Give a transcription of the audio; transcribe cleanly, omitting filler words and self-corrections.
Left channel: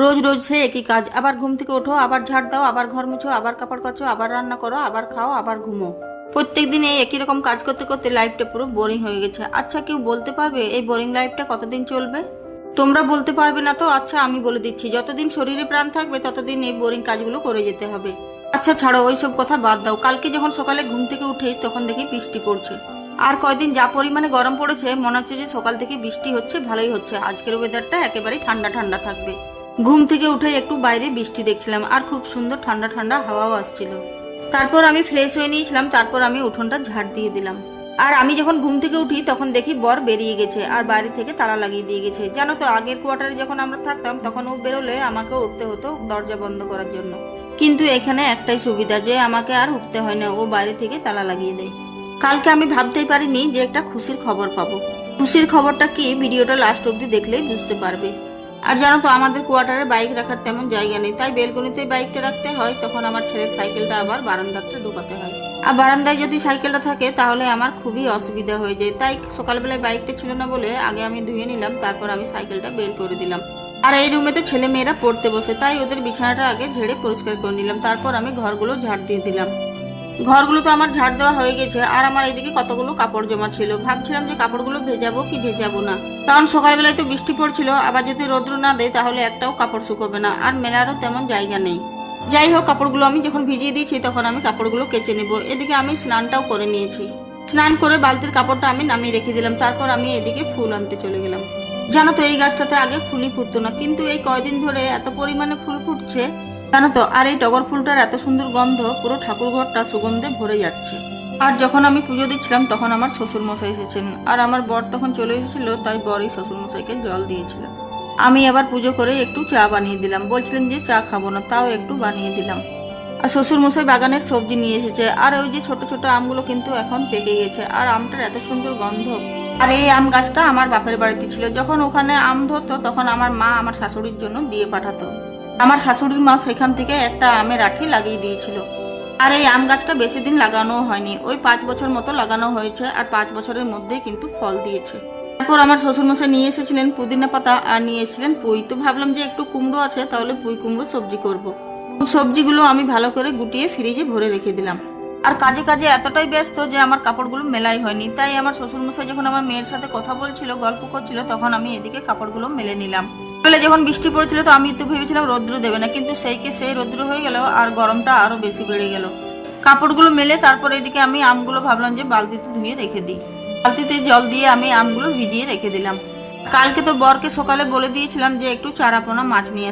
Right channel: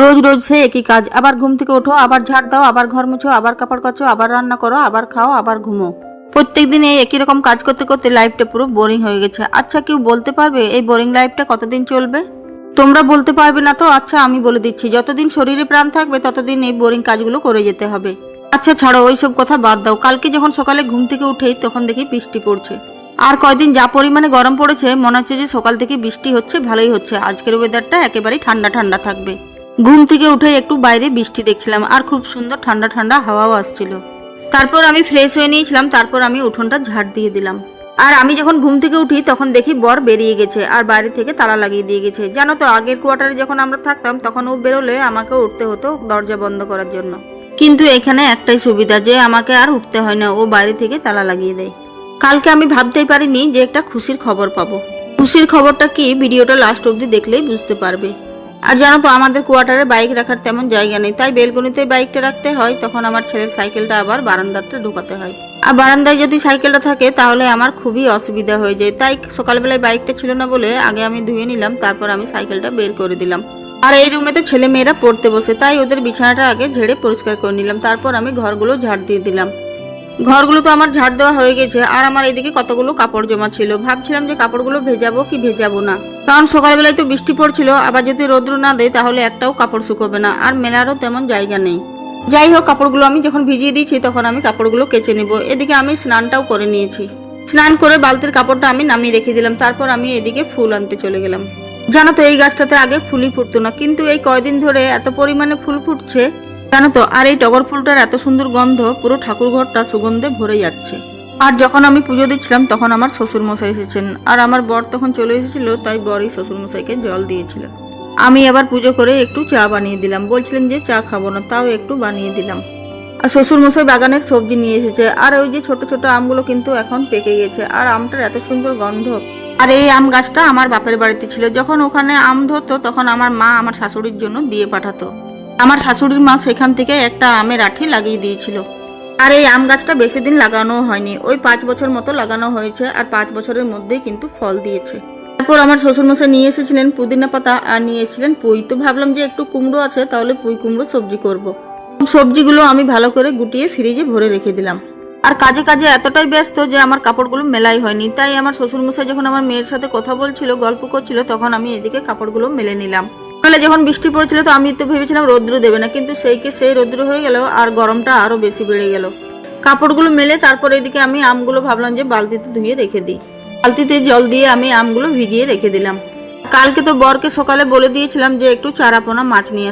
রোজ রোজ সেই একই কাজ, আবার ঘুম থেকে ওঠো, আবার ঝাড় দাও, আবার ঘর মুছো, আবার কাপড় কাচো, আবার রান্না করো, আবার খাও, আবার ঘুমো। প্রত্যেকদিন এই একই রকম কাজ করতে করতে লাইফটা পুরো বোরিং হয়ে গেছে। আচ্ছা, কেউ বলতে পারবে এই বোরিং লাইফটা কতদিন চলবে? তোমরা বলতে পারবে না তো? আচ্ছা, আমি বলে দিচ্ছি, যতদিন শরীরে প্রাণ থাকবে ততদিন এই বোরিং কাজগুলো করে যেতে হবে। আচ্ছা ছাড়ো, ওইসব কথা বাদ দাও। কালকে যখন সকালে ঘুম থেকে উঠেই তখন দেখি বৃষ্টি পড়ছে। আর কয়দিন যা পরিমাণে গরম পড়েছে, মনে হচ্ছে যে সকাল থেকে বৃষ্টি হচ্ছে, ভালোই হচ্ছে। আজকের ওয়েদারটা একেবারেই ঠান্ডা ঠান্ডা থাকবে। ঘুম থেকে উঠে একটু বাইরে বৃষ্টি দেখছিলাম, আর খুব সুন্দর ঠান্ডা ঠান্ডা হাওয়াও আসছিল। তারপর আমি ফ্রেশ হয়ে নিয়েছিলাম, তারপর আমি উঠোনটা ঝাড় দিয়ে দিলাম। আর আমি যখন ঘুম থেকে উঠি তখন দেখি বর বেরিয়ে গেছে আর বাইরে থেকে তালা লাগিয়ে দিয়ে গেছে। জানো তো, আগের কোয়ার্টারে যখন আমরা থাকতাম তখন ও বেরোলে আমাকে উঠতে হতো দরজা বন্ধ করার জন্য। কিন্তু এখানে একটাই সুবিধা, যে আমাকে আর উঠতে হয় না, ও বাইরে থেকে তালা লাগিয়ে দেয়। কালকে আমি ভাবতেই পারিনি যে একটা খুশির খবর পাবো। খুশির খবরটা কি, ভিডিওটা লাস্ট অব্দি দেখলেই বুঝতে পারবে। আর জানো তো, আমাদের কোয়ার্টারে বাইক রাখার তেমন জায়গা নেই, তাই বেলকনিতে বাইকটা রাখতে হয়। তখন আমার ছেলের সাইকেলটা আবার বারান্দাটা ঢোকাতে হয়। আর বারান্দায় যদি সাইকেলটা থাকে তাহলে আমার খুবই অসুবিধা হয়ে যায়। তাই সকালবেলায় বাইকটা ছিল না বলে আগে আমি ধুয়ে নিলাম, তারপর আমি সাইকেলটা বের করে দিলাম। আর এই রুমে তো ছেলে মেয়েরা পড়তে বসে, তাই ওদের বিছানাটা আগে ঝেড়ে পরিষ্কার করে নিলাম। তারপর আমি ঘরগুলো ঝাড় দিয়ে দিলাম। ঘরগুলো তো আমার ঝাড় দেওয়া হয়ে গেছে, আর আমার এদিকে কতগুলো কাপড় জমা ছিল। ভাবছিলাম যে কাপড়গুলো ভেজাবো কি ভেজাবো না, কারণ সকালবেলায় তো বৃষ্টি পড়ছিল, আবার যদি রোদ্র না দেয় তাহলে একটাও কাপড় শুকোবে না, আর মেলারও তেমন জায়গা নেই। যাই হোক, কাপড়গুলো আমি যখন ভিজিয়ে দিয়েছি তখন আমি কাপড়গুলো কেচে নেব। এদিকে আমি স্নানটাও করে নিয়েছি। স্নান করে বালতির কাপড়টা আমি নামিয়ে রেখে দিলাম। তারপর আমি এদিকে ফুল আনতে চলে গেলাম। জানো তো, এই গাছটাতে আগে ফুলই ফুটতো না, কিন্তু এই কয়দিন ধরে এত পরিমাণে ফুল ফুটছে জানো তো। আর এই টগর ফুলটার এত সুন্দর গন্ধ, পুরো ঠাকুর ঘরটা সুগন্ধে ভরে যাচ্ছে। আর যখন আমি পুজো দিচ্ছিলাম তখন আমার শ্বশুর মশাই এসেছেন, আর আমার বর তখন চলে এসেছিল, তাই বরই শ্বশুর মশাইকে জল দিয়েছিল। আমি আবার পুজো করে একটু চা বানিয়ে দিলাম। বলছিলেন যে চা খাবো না, তাও একটু বানিয়ে দিলাম। আর শ্বশুর মশাই বাগানের সবজি নিয়ে এসেছে, আর ওই যে ছোট ছোট আমগুলো কিন্তু এখন পেকে গেছে, আর আমটার এত সুন্দর গন্ধ। আর এই আম গাছটা আমার বাপের বাড়িতে ছিল, যখন ওখানে আম ধরতো তখন আমার মা আমার শাশুড়ির জন্য দিয়ে পাঠাতো। আমার শাশুড়ির মা সেখান থেকে একটা আমের আঠি লাগিয়ে দিয়েছিল। আর এই আম গাছটা বেশি দিন লাগানো হয়নি, ওই 5 বছর মতো লাগানো হয়েছে, আর 5 বছরের মধ্যেই কিন্তু ফল দিয়েছে। তারপর আমার শ্বশুরমশাই নিয়ে এসেছিলেন পুদিনা পাতা, আর নিয়ে এসেছিলেন পুঁই। তো ভাবলাম যে একটু কুমড়ো আছে, তাহলে পুঁই কুমড়ো সবজি করব। সবজিগুলো আমি ভালো করে গুটিয়ে ফ্রিজে ভরে রেখে দিলাম। আর কাজে কাজে এতটাই ব্যস্ত যে আমার কাপড়গুলো মেলাই হয়নি। তাই আমার শ্বশুরমশাই যখন আমার মেয়ের সাথে কথা বলছিল, গল্প করছিল, তখন আমি এদিকে কাপড়গুলো মেলে নিলাম। বলে যখন বৃষ্টি পড়ছিল তো আমি তো ভেবেছিলাম রৌদ্র দেবে না, কিন্তু সেই রৌদ্র হয়ে গেল, আর গরমটা আরো বেশি বেড়ে গেল। কাপড়গুলো মেলে তারপর এদিকে আমি আমগুলো ভাবলাম যে বালতিতে ধুয়ে রেখে দিই। বালতিতে জল দিয়ে আমি আমগুলো ভিজিয়ে রেখে দিলাম। কালকে তো বরকে সকালে বলে দিয়েছিলাম যে একটু চারাপোনা মাছ নিয়ে